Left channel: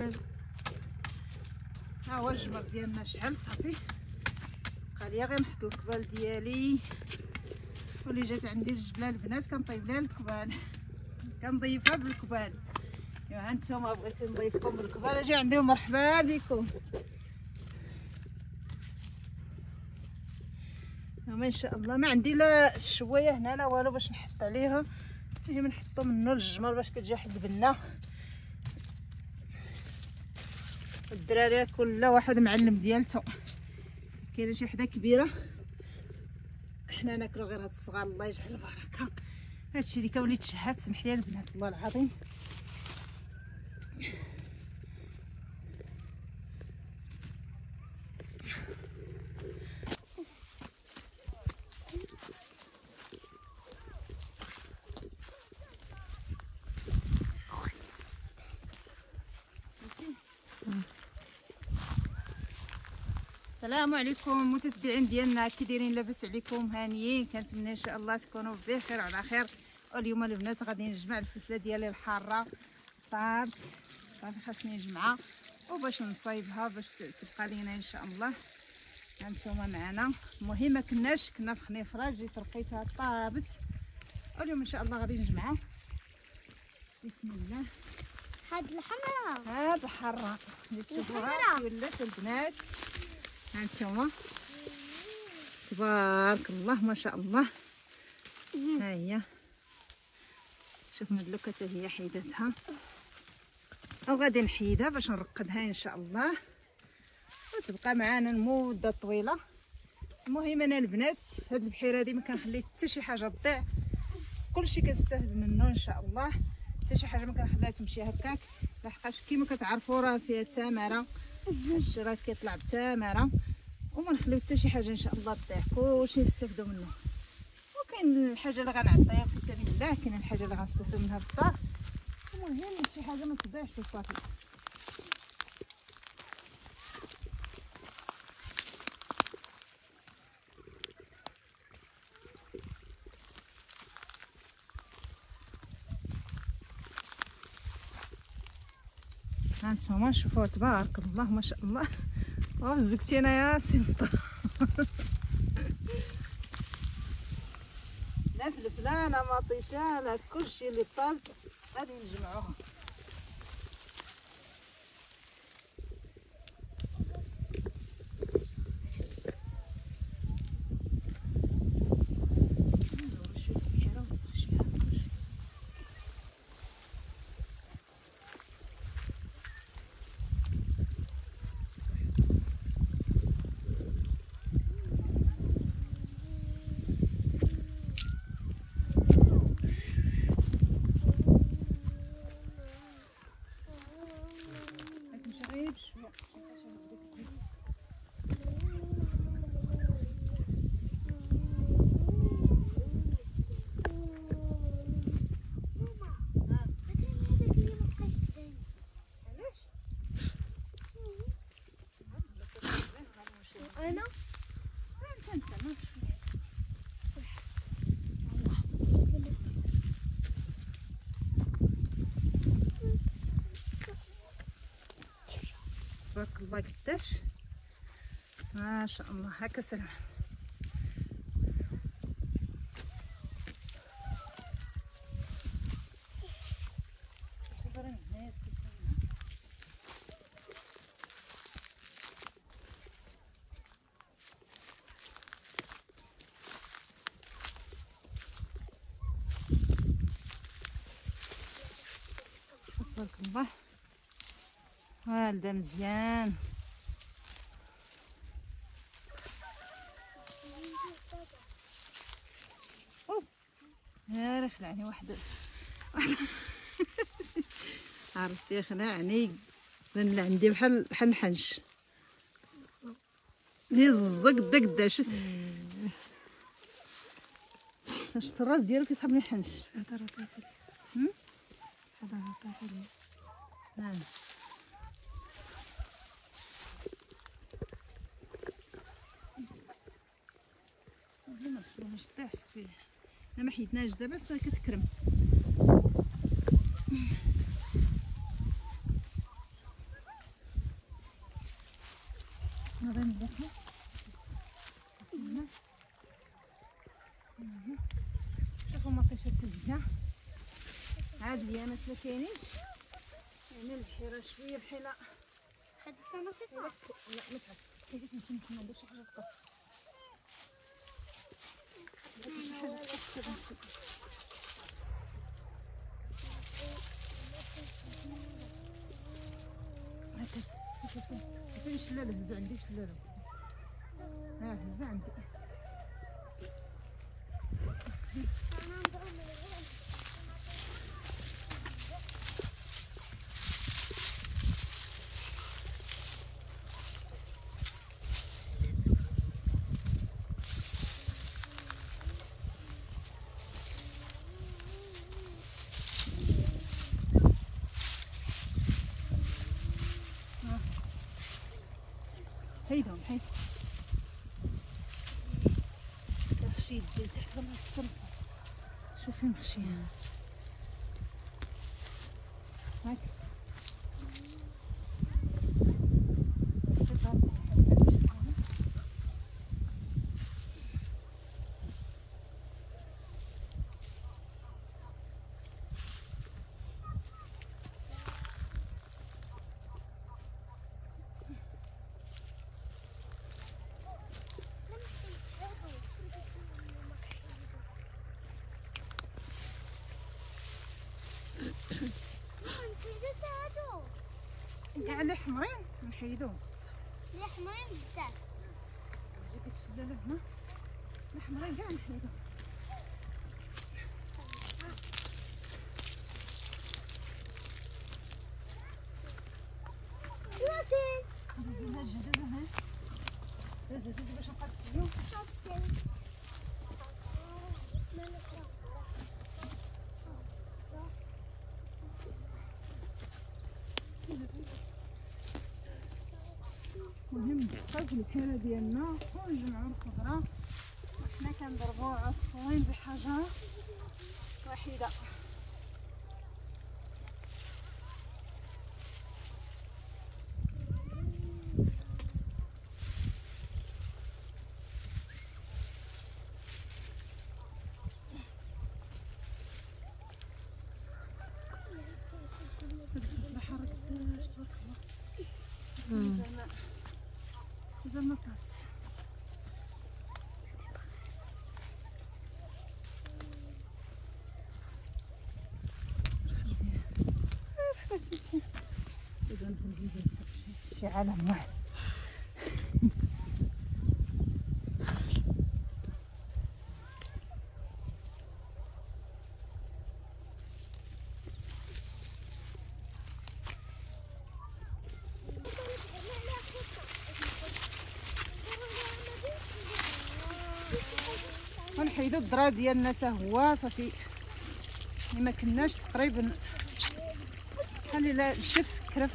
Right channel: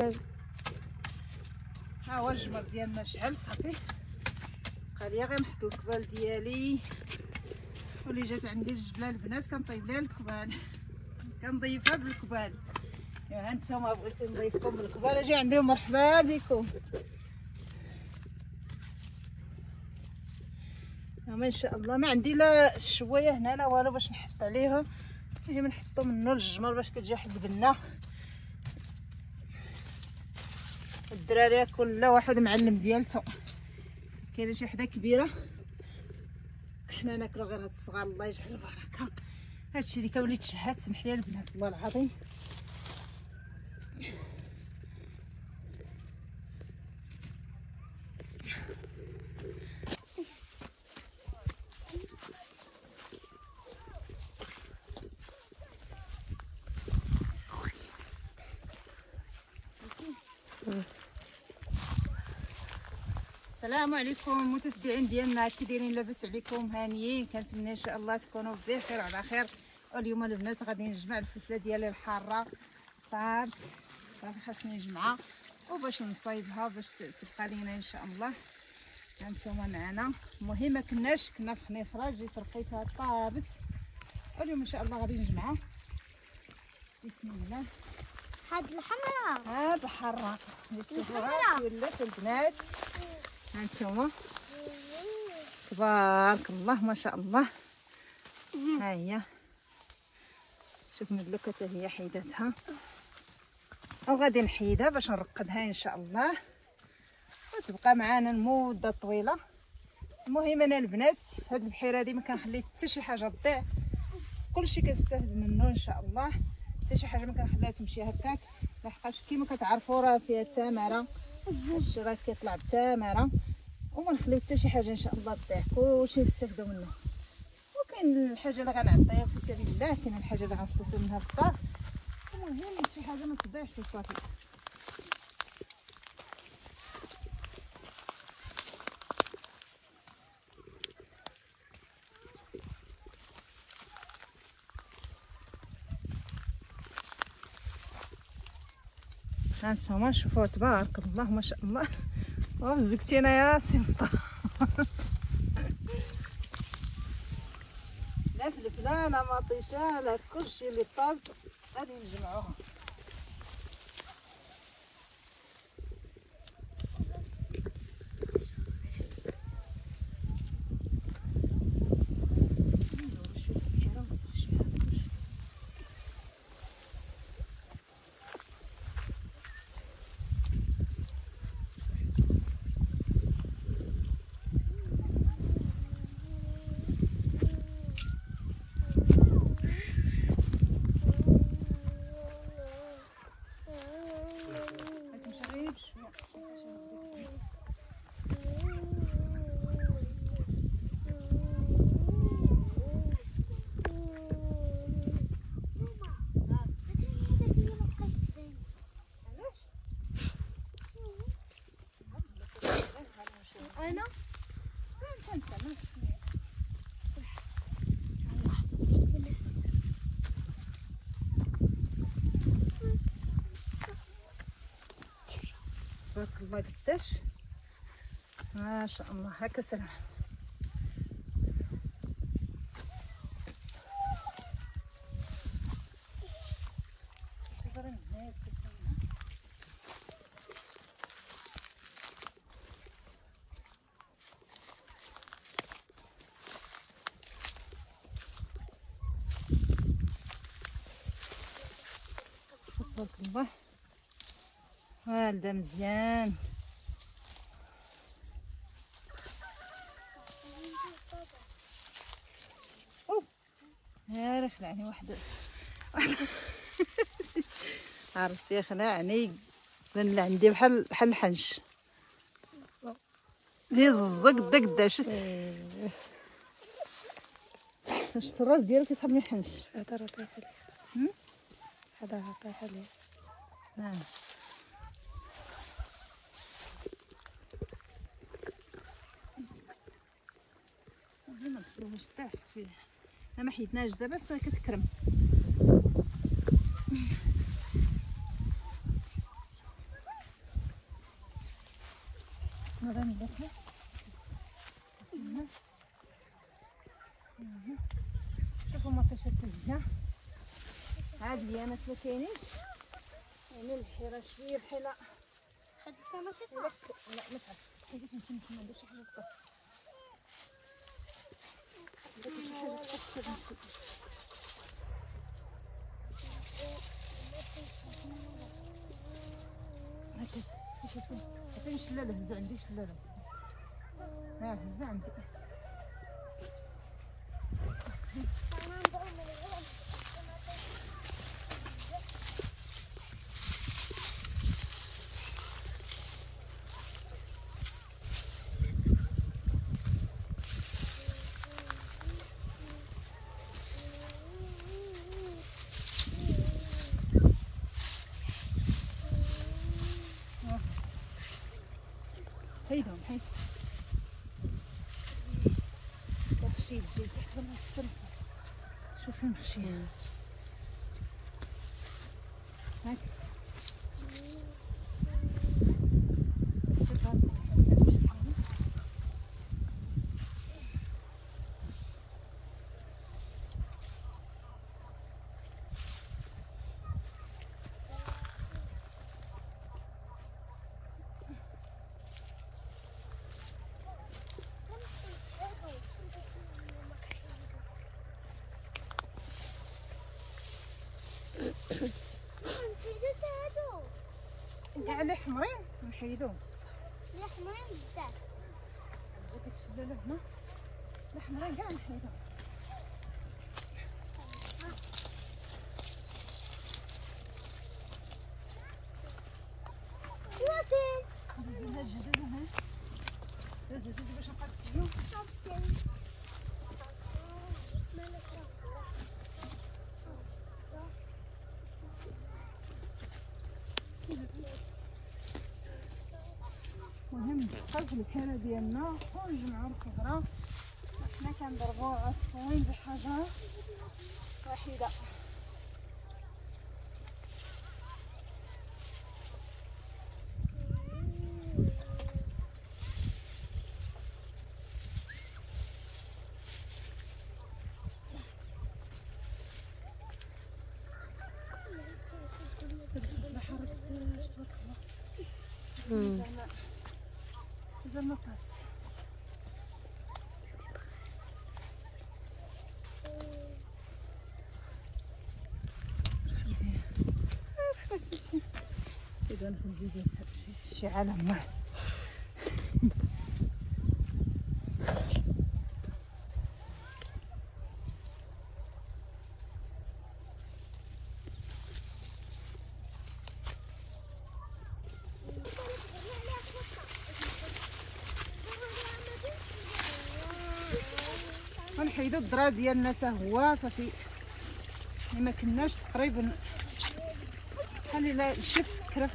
ها هو الجمر ديالنا شعل صافي. بقى لي غير نحط القبال ديالي، واللي جات عندي الجبله البنات كنطيب لها القبال كنضيفها بالقبال. ايوا هانتوما بغيت نضيفكم بالقبال، اجي عندي مرحبا بكم. ما ان شاء الله ما عندي لا الشوايه هنا لا والو باش نحط عليها، غير نحطو منه الجمر باش كتجي واحد البنه. الدراري كل واحد معلم ديالته، كاينه شي وحده كبيره حنا ناكلو غير هاد الصغار الله يجعل البركه. هادشي اللي كوليت تشهات سمح لي البنات والله العظيم. السلام عليكم متتبعين ديالنا، كي دايرين؟ لاباس عليكم؟ هانيين؟ كنتمنى ان شاء الله تكونوا بخير وعلى خير. واليوم البنات غادي نجمع الفلفله ديالي الحاره، طابت صافي خاصني نجمعها وباش نصايبها باش تبقى لينا ان شاء الله. هانتوما معنا. المهم ما كنا في خنيفره، جيت رقيتها طابت، واليوم ان شاء الله غادي نجمعها. بسم الله. هاد الحاره هاد الحاره اللي تشوفوها ولات البنات، هانتوما تبارك الله ما شاء الله. ها هي شوف مدلوكه حتى هي حيدتها، وغادي نحيدها باش نرقدها ان شاء الله وتبقى معانا لمده طويله. المهم انا البنات هاد البحيره هادي ما كنخلي حتى شي حاجه تضيع، كلشي كنستافد منه ان شاء الله، حتى شي حاجه ما كنخليها تمشي هكاك، لحقاش كيما كتعرفوا راه فيها التمره، هادشي راه كيطلع بتمره وما نخليو حتى شي حاجه ان شاء الله تضيع، كلشي نستافدوا منه. وكاين الحاجه اللي غنعطيها في سبيل الله، كاين الحاجه اللي غنستافدوا منها في الدار، المهم شي حاجه ما تضيعش صافي. هانتوما شوفوا تبارك الله ما شاء الله. زقتينا يا سي مصطفى. لا فلفله لا مطيشه لا كلشي اللي طابت غادي نجمعوها. تبارك الله قداش ما شاء الله. هكا سلام. تبارك الله هذا مزيان. يا خلعني واحد عرفتي خلعني بان عندي بحال الحنش لي الزق دا قداش. شفت الراس ديالو كيسحبني الحنش. هذا راه طايح عليه، هذا راه طايح عليه. نعم باش طيح صافي. ما حيدناش دابا بس كتكرم. نبان لكم شوفوا ما كاينش الثلجه هاد الايامات ما كاينينش يعني البحيره شويه بحال حد كما شفنا لا ما تعرفش حيت نتمنى ما نديرش شي حاجه تطرس درت شي حاجه تطرس هكا فين الشلاله هز عندي الشلاله هز عندي حيدهم حيد ماشي يدي تحت من السلسله شوفي ماشي هاك كاع اللي حمرين نحيدوهم اللي حمرين بزاف نجيب ديك الشلاله هنا اللي حمرين كاع نحيدوهم ندوزو لها الجديده هاي الجديده باش نبقى تسيو مهم ندخل في البحيره ديالنا ونجمعو الخضره وحنا كنضربو عصفورين بحجر واحده البحر كيفاش تبارك الله مازال ما طلعت اذا نجيب شي عالم ما ونحيدو الذرا ديالنا حتى هو صافي ما كناش تقريبا خلي لا شف كرف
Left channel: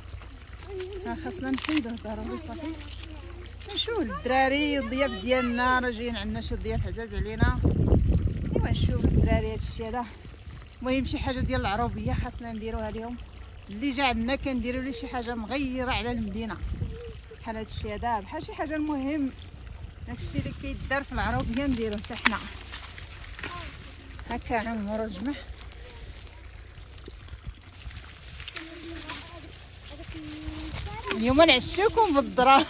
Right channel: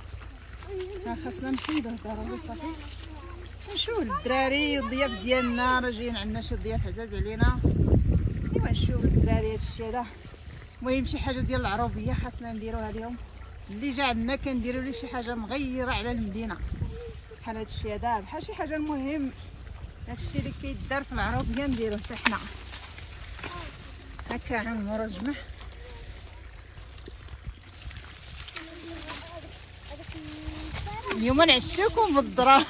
خاصنا نحيدو ضروري صافي نشوف الدراري الضياف ديالنا راه جايين عندنا شي ضياف عزاز علينا ايوا نشوف الدراري هادشي هذا المهم شي حاجه ديال العروبيه خاصنا نديروها اليوم اللي جا عندنا كنديروا ليه شي حاجه مغيره على المدينه بحال هادشي هذا بحال شي حاجه المهم داكشي اللي كيدار في العروبيه نديروه حتى حنا هكا عمر جمع اليوم نعشوكم بالذرة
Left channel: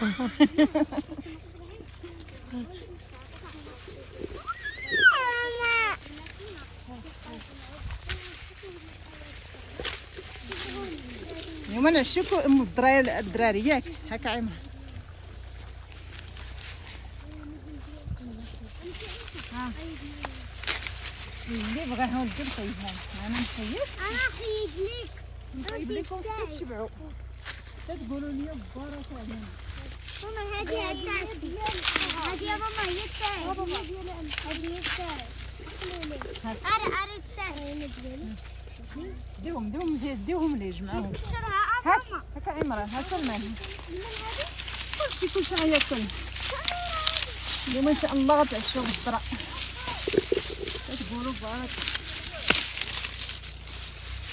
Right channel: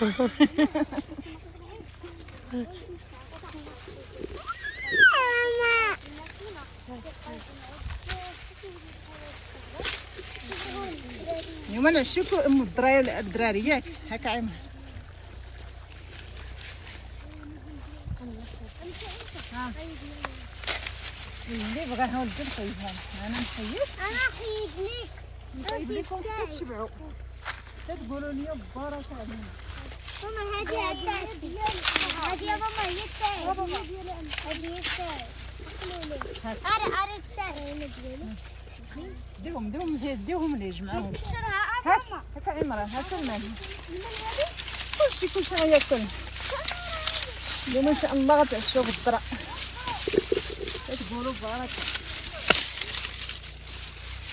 اليوم نعشوكم بالذرة الدراريات هكا عمر اللي بغا ولدي نطيبها انا نطيب انا حيد لك نطيب لكم حتى تشبعوا تقولوا لي بارك علينا ماما هذه يا ماما هي التاي هذه هي التاي عارف التاي ديوهم لي جمعوهم هاك هكا عمران ها سلمان كلشي غياكل اليوم ان شاء الله غتعشوا بالذرة تقولوا بارك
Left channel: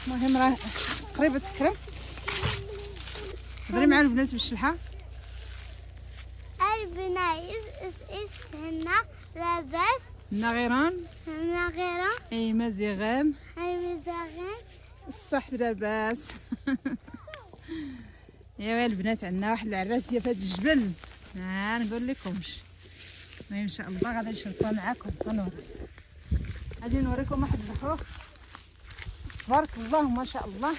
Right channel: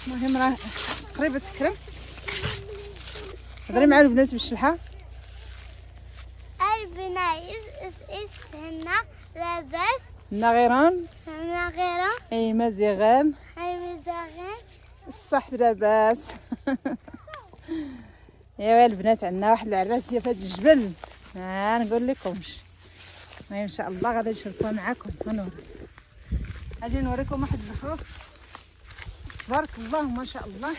المهم راه قريبه تكرم هضري مع البنات بالشلحه هنا لاباس نغيران نغيرة اي مزيغان هاي مزاغين الصح لاباس. ايوا البنات عندنا واحد العراس هي في هذا الجبل ما نقول لكمش. المهم ان شاء الله غادي نشاركوها معكم ونوري. غادي نوريكم واحد الفروخ تبارك الله ما شاء الله.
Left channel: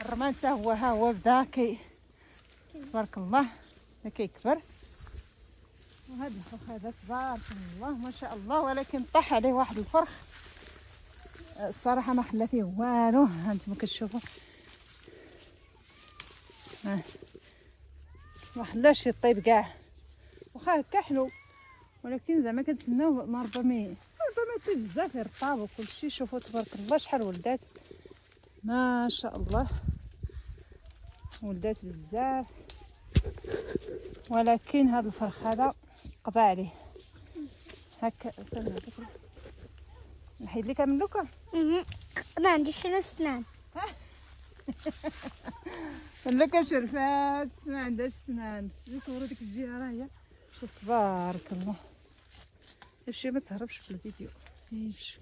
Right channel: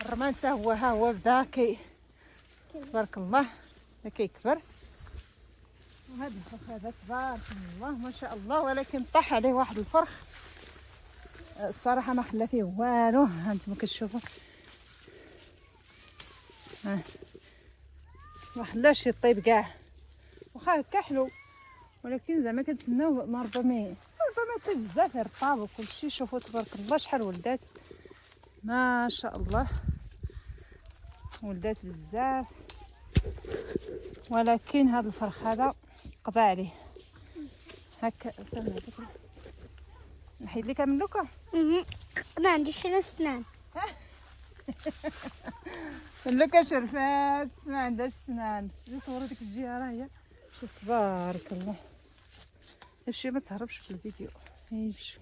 الرمان حتى هو ها هو بدا تبارك الله بدا كيكبر. وهذا الفرخ هذا تبارك الله ما شاء الله، ولكن طاح عليه واحد الفرخ الصراحه ما خلى فيه والو. هانتوما كتشوفوا ما خلاش يطيب كاع، واخا هكا حلو ولكن زعما كنتسناو ما ربما يطيب بزاف يرطاب وكلشي. شوفوا تبارك الله شحال ولدات ما شاء الله، ولدات بزاف. ولكن هذا الفرخ هذا قضى عليه هكا. نحيد لك ملوكه ما عنديش انا سنان. ملوكه شرفات ما عندهاش سنان. جيت نوري ديك الجهه راه هي. شوف تبارك الله. امشي ما تهربش في الفيديو. امشي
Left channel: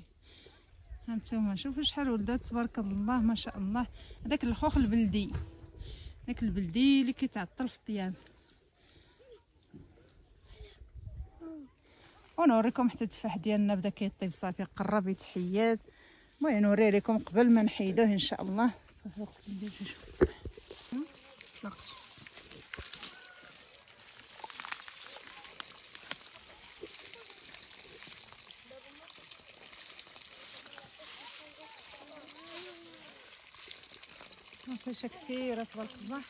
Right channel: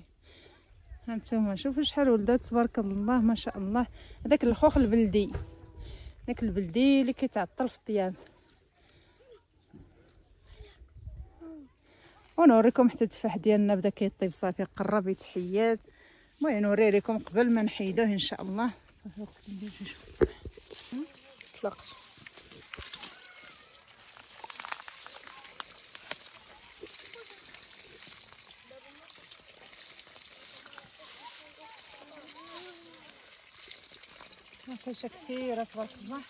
هانتوما شوفوا شحال ولدات تبارك الله ما شاء الله. هذاك الخوخ البلدي، داك البلدي اللي كيتعطل في الطياب. ونوريكم حتى التفاح ديالنا بدا كيطيب صافي قرب يتحيد. المهم نوريه لكم قبل ما نحيدوه ان شاء الله. صافي طلقت. منتشة كثيرة تبارك الله.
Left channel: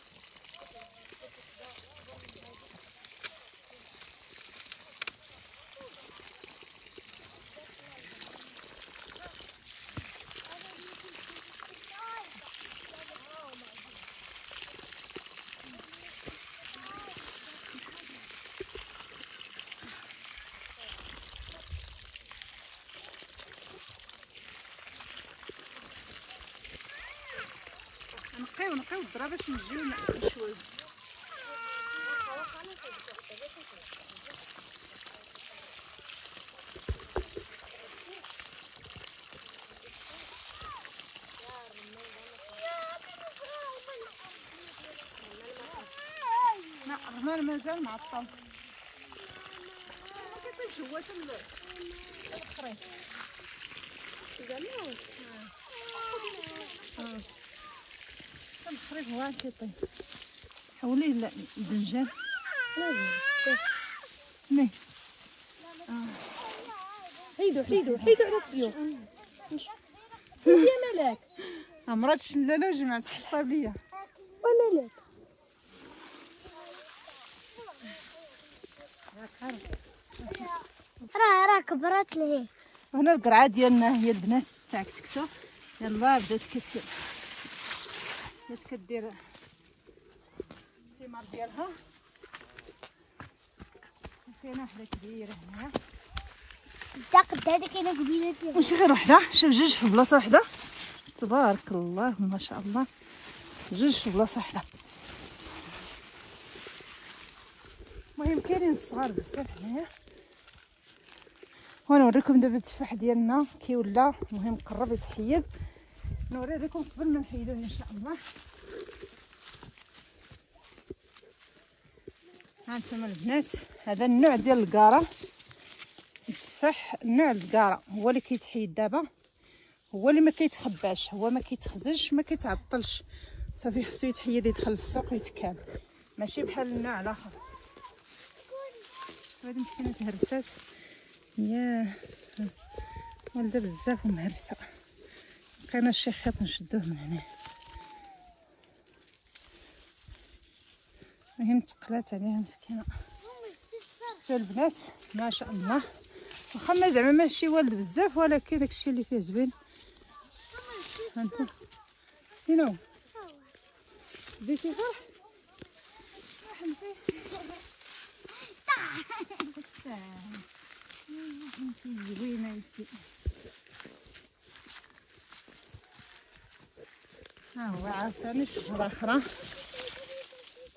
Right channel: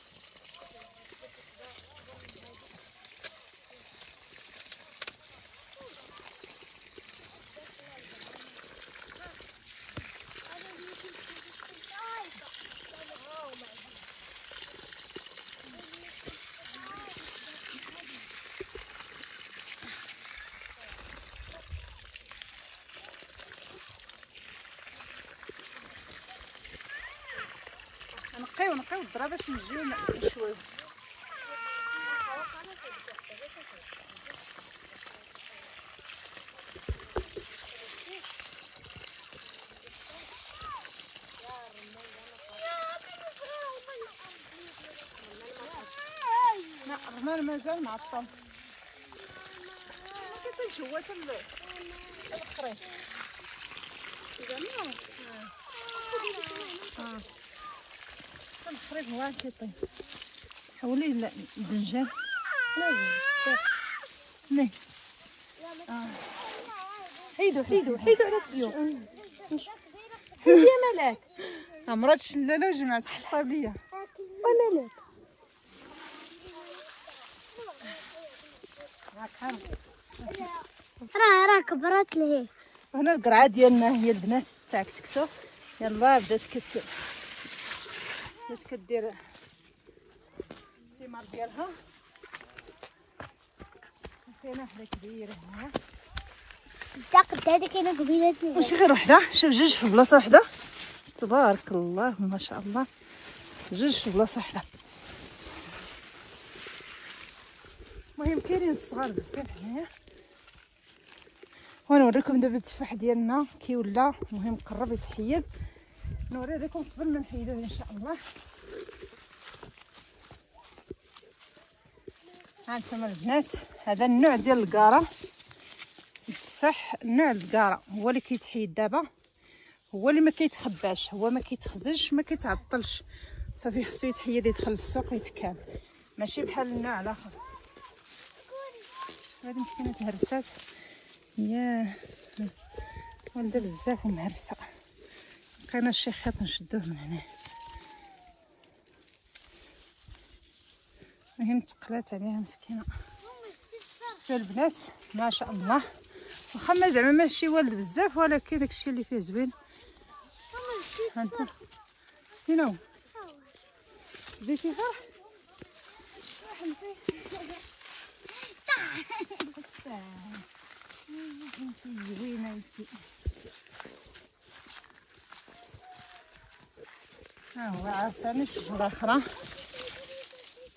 نقيو الدرا باش نجيو نشويو. لا الرمال مازال معطل ما كتبش هو الاخرين. الخريف هو كيطيب. حوليه الدنجال ني حيدو على التيو. حيدي يا ملاك مرات شلاله وجمعت الطابليه ولا لا. راه كبرت ليه. ولا القرعه ديالنا هي البنات تاع كسكسو. يلا بدات كدير الثمار ديالها. كاينه وحده كبيره هنا. قد هذه كاينه قبيله فيها. وشي غير وحده. شوف جوج في بلاصه وحده تبارك الله ما شاء الله. جوج في بلاصه وحده. المهم كاينين الصغار بزاف هنايا. ونوريكم دابا التفاح ديالنا كي ولا. المهم قرب يتحيد. نوري لكم قبل ما نحيدوه ان شاء الله. هانتوما البنات هذا النوع ديال الكاره التفاح. النوع الكاره هو اللي كيتحيد دابا، هو اللي ما كيتخباش، هو ما كيتخزلش ما كيتعطلش. صافي خصو يتحيد يدخل السوق يتكال، ماشي بحال النوع الاخر. هذه مسكينه تهرسات ياه ولده بزاف ومهرسه. كان شي خيط نشدوه من هنا. المهم تقلات عليها مسكينه. شوفوا البنات ما شاء الله. واخا زعما ماشي والد بزاف ولكن داكشي اللي فيه زوين. هانتوما فين هو بديتي زوينه انتي. ها هو عاوتاني شجره اخرى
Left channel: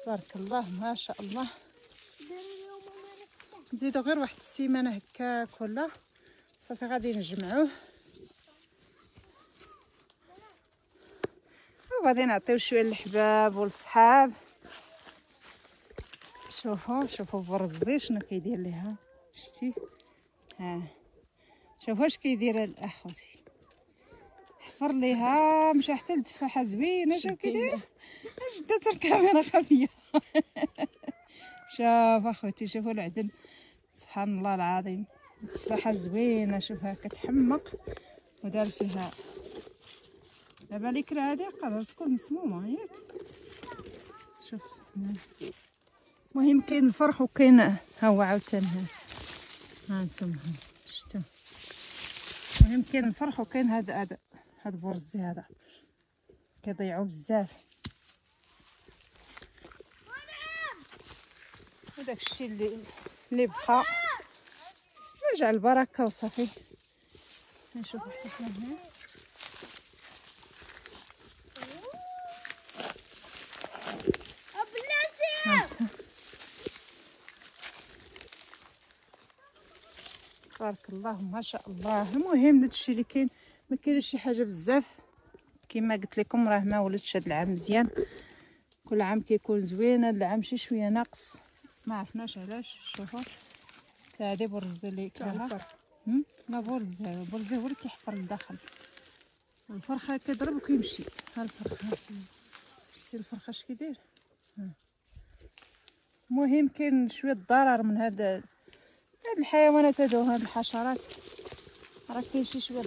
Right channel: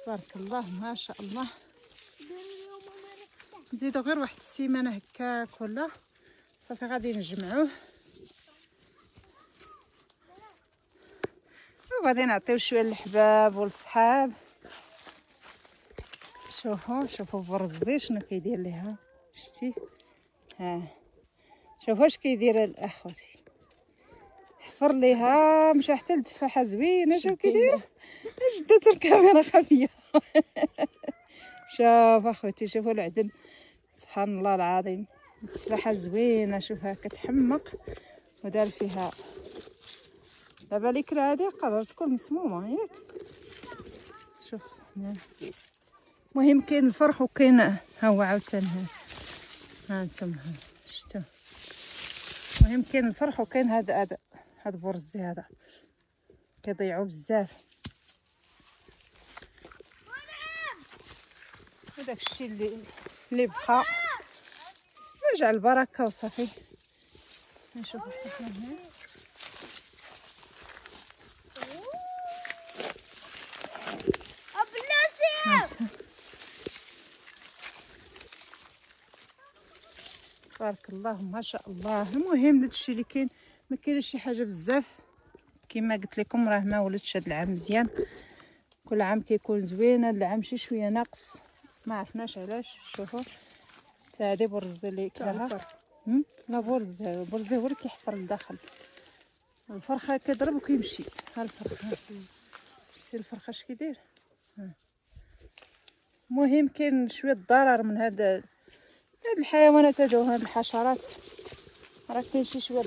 تبارك الله ما شاء الله. نزيدو غير واحد السيمانه هكاك ولا صافي غادي نجمعوه وغادي نعطيو شويه للحباب والصحاب. شوفوا برزي شنو كيدير ليها، شتي؟ ها شوفوا اش كيدير الاخوتي، حفر ليها مشى حتى لتفاحه زوينه. شوف كيدير جدات الكاميرا خفيه. شوف اخوتي، شوفوا العدل، سبحان الله العظيم، تفاحه زوينه. شوفها كتحمق ودار فيها. دابا ليك العادي قادر تكون مسمومه ياك. شوف المهم كاين الفرخ وكاين ها هو عاوتاني ها انتم شفتوا. المهم كاين الفرخ وكاين هذا برزي هذا كيضيعوا بزاف. وداك الشيء اللي بقى نرجع البركه وصافي. نشوف تبارك الله ما شاء الله. المهم داكشي اللي كاين، ما كاينش شي حاجه بزاف كما قلت لكم، راه ما ولدش هذا العام مزيان، كل عام كيكون زوين. هذا العام شي شويه ناقص ما عرفناش علاش. شوفوا تا هادي برزي اللي كلاها، لا برزي هو اللي كيحفر لداخل. الفرخه كيضرب وكيمشي. ها الفرخه، شتي الفرخه اش كيدير. المهم كاين شويه الضرر من هاد الحيوانات هادو، هاد الحشرات، راه كاين شي شويه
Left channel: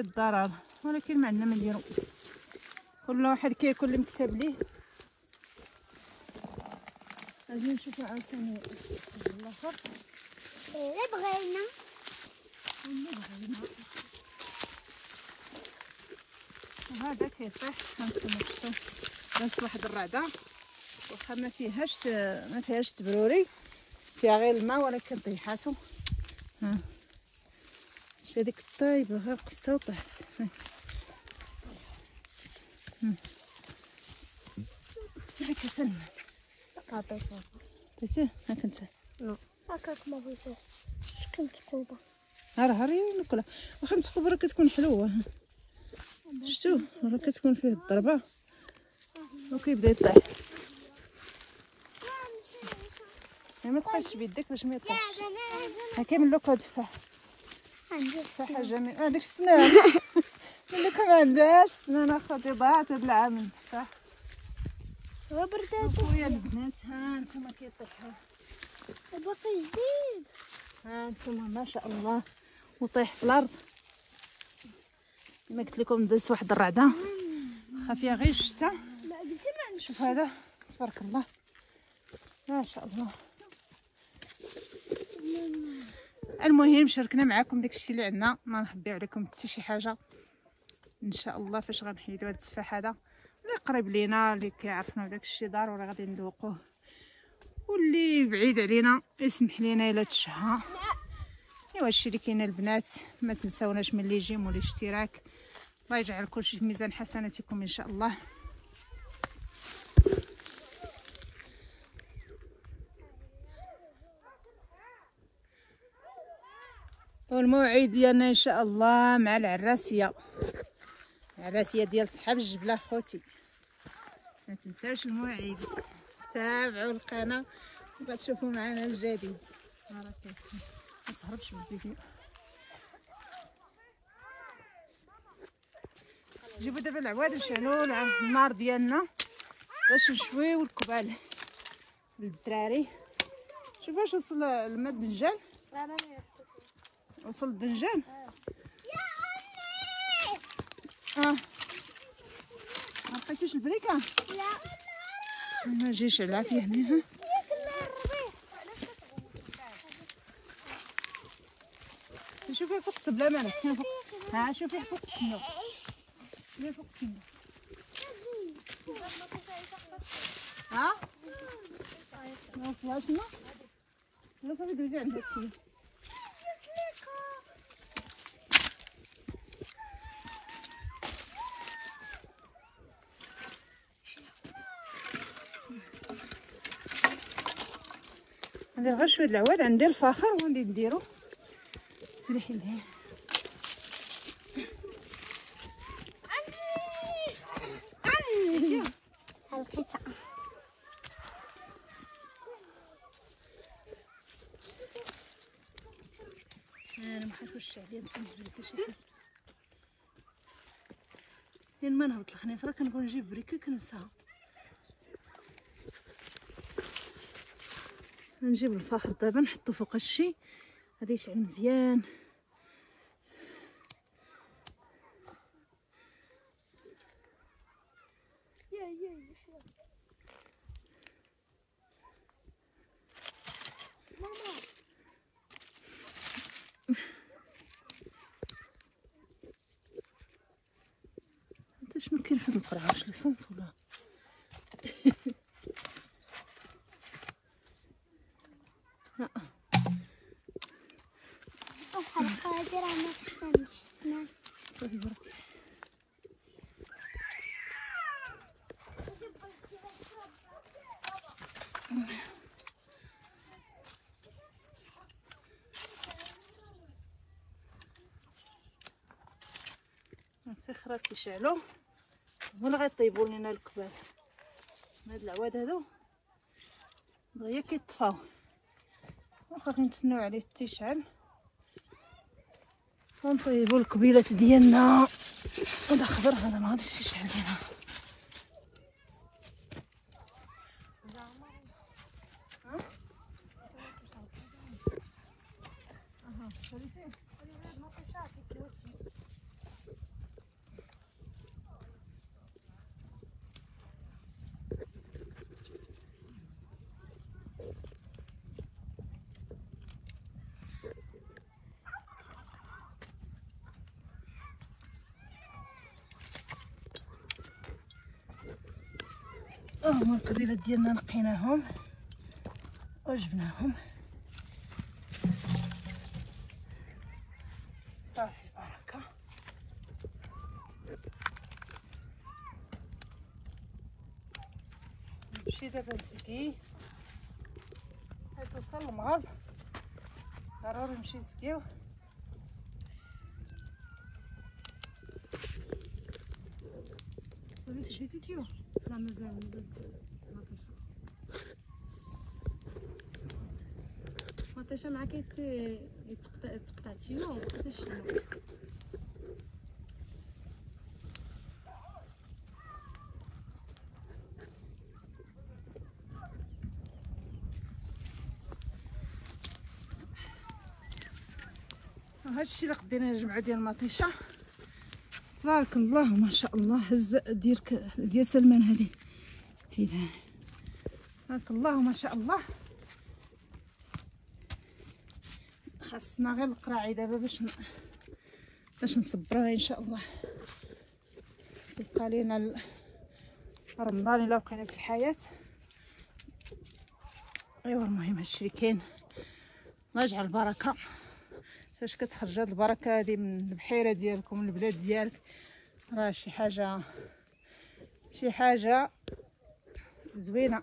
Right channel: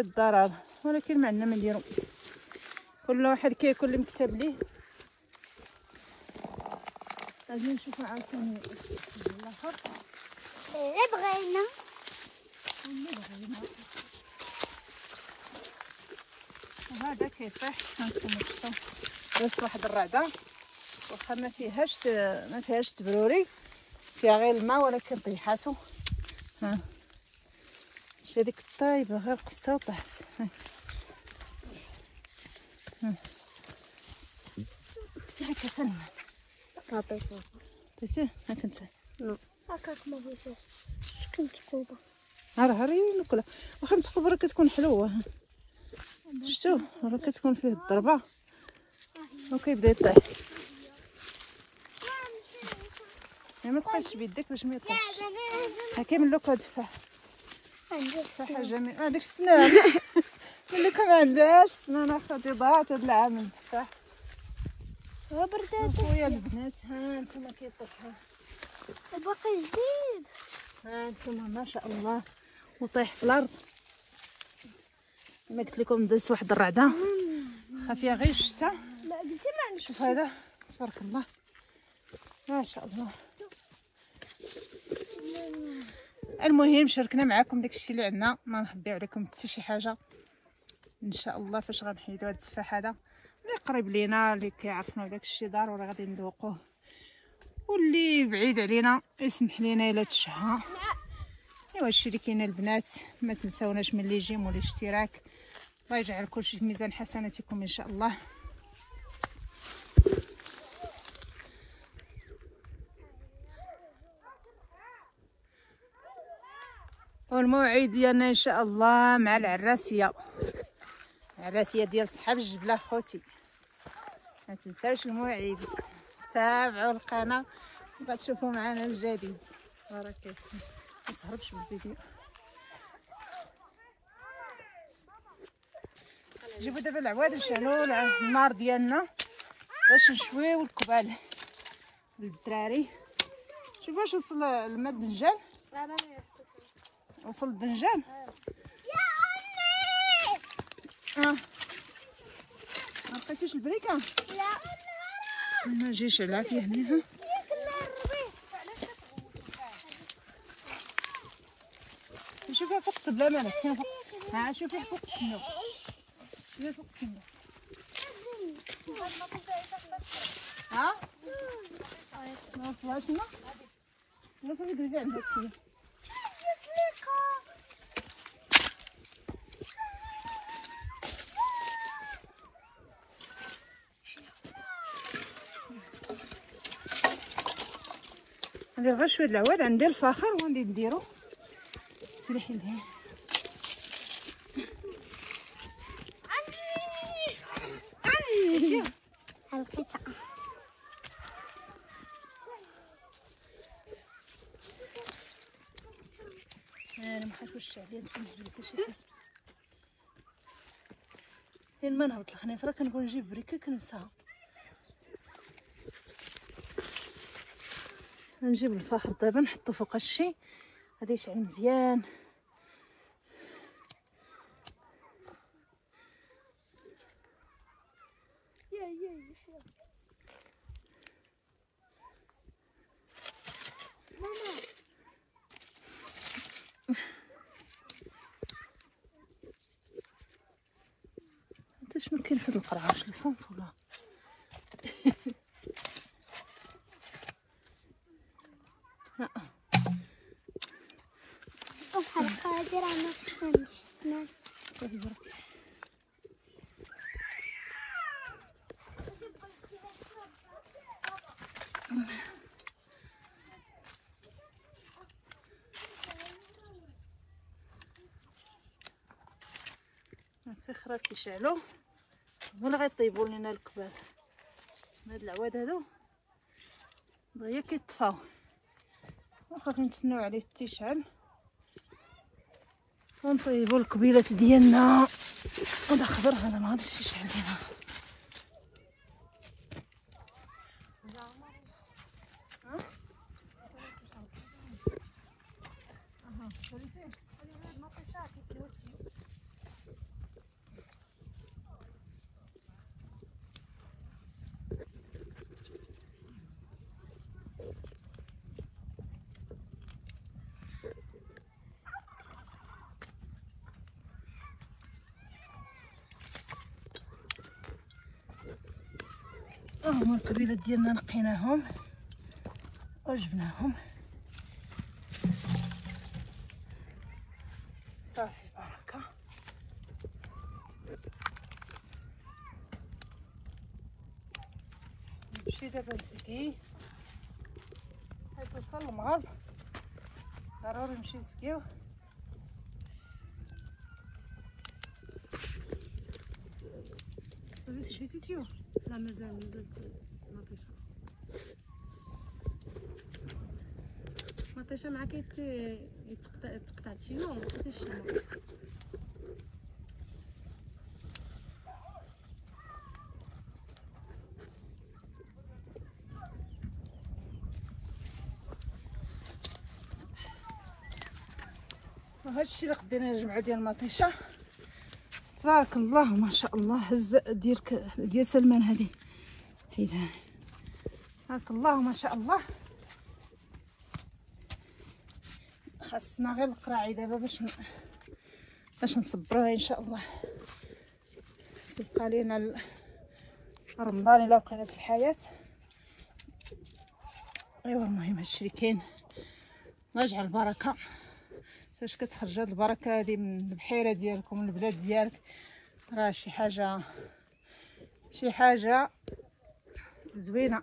الضرر، ولكن ما عندنا ما نديرو، كل واحد كياكل اللي مكتب ليه. غادي نشوفو عاوتاني بغينا هذا كيطيح. هانتوما شفتوا بس واحد الرعده، واخا ما فيهاش تبروري، فيها غير الماء ولكن طيحاتو. ها في هذيك الطايبه غير قصتها وطاحت. هاكا سلمى عطيتها كيسي هاك انت هكاك ما بغيتش كنت كوبا هري ناكلها. واخا متخبره كتكون حلوه. شفتوا راه كتكون فيه الضربه وكيبدا يطيح. ما تبقاش بيدك باش ما يطيحش. ها كاين لوك هاد التفاح، تفاحه جميله. هذيك السنان ملي ما عندهاش سنان اخوتي، ضاعت هاد العام التفاح. خويا البنات ها انتما كيطيحوا باقي جديد. ها انتما ما شاء الله، وطيح في الارض كما قلت لكم. دازت واحد الرعده خافيه غير الشتا. لا قلتي ما عندكش. شوف هذا تبارك الله ما شاء الله. المهم شاركنا معكم داكشي اللي عندنا، ما نخبي عليكم حتى شي حاجه. ان شاء الله فاش غنحيدو هاد التفاح هذا اللي قريب لينا، اللي كيعرفنا بداكشي ضروري غادي نذوقوه، واللي بعيد علينا يسمح لينا الا تشهى. ايوا هادشي اللي كاين البنات. ما تنساوناش من لي جيم والاشتراك، الله يجعل كلشي في ميزان حسناتكم ان شاء الله. والموعد ديالنا ان شاء الله مع العراسيه ديال صحاب الجبله خوتي. ما تنساوش الموعد، تابعوا القناه وغتشوفوا معنا الجديد. راه كيف ما تهربش بالفيديو. جيبوا دابا العواد ونشعلوا النار ديالنا باش نشويو الكبال للدراري. شوفوا واش وصل الماء الدنجان. وصل الدنجان. ما لقيتيش البريكه؟ لا ما جيش العافيه هنا. شوفي فوق الطبله مالك كاين فوق. ها شوفي فوق السنو، شوفي فوق السنو. ها ما سمعتش شنو لا صافي دوزي عند هادشي. ندير غير شويه العواد عندي الفاخر وغادي نديرو سريحي لهيه. القطع انا ما خايفوش عليا نجيب حتى شي حاجه. ما نهبط الخنيفره كنقول نجيب بريكه كنساها. نجيب الفاخر دابا نحطو فوق الشي غادي يشعل مزيان. انت شنو كاين في هاد القرعاش ليسونس ولا قادر انا نسمع صافي برك. الفخرات كيشعلو هنا غيطيبوا لنا الكباب. هاد العواد هادو دغيا كيطفاو واخا كنتسناو عليه حتى يشعل ونطيبوا الكبيلات ديالنا. ودا خضر هذا ما غاديش يشعل هنا. هما الكبيرات ديالنا نقيناهم وجبناهم صافي بركه. نمشي دابا نسقي حيت وصل المغرب ضروري نمشي نسقيو. صافي شريتيو؟ لا مازال مطيشه معاك يتقطعتي هادشي اللي قدينا الجمعه ديال المطيشه. تبارك الله ما شاء الله. هز ديال سلمان هذه حيدها. تبارك الله ما شاء الله. خاصنا غير القراعي دابا باش نصبروها ان شاء الله. تبقى لينا رمضان الا بقينا في الحياه. ايوا المهم هادشي اللي كاين. الله يجعل البركه. فاش كتخرج هاد البركه هادي من البحيره ديالكم من البلاد ديالك راه شي حاجه زوينه،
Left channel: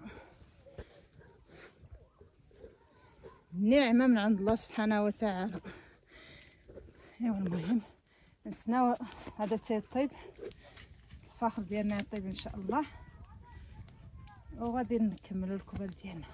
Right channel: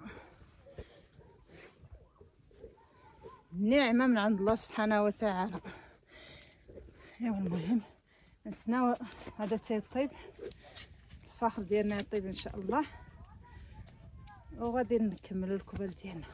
نعمه من عند الله سبحانه وتعالى. ايوا المهم نتسناو هذا تيطيب الفاخر ديالنا يطيب ان شاء الله وغادي نكملوا الكباب ديالنا.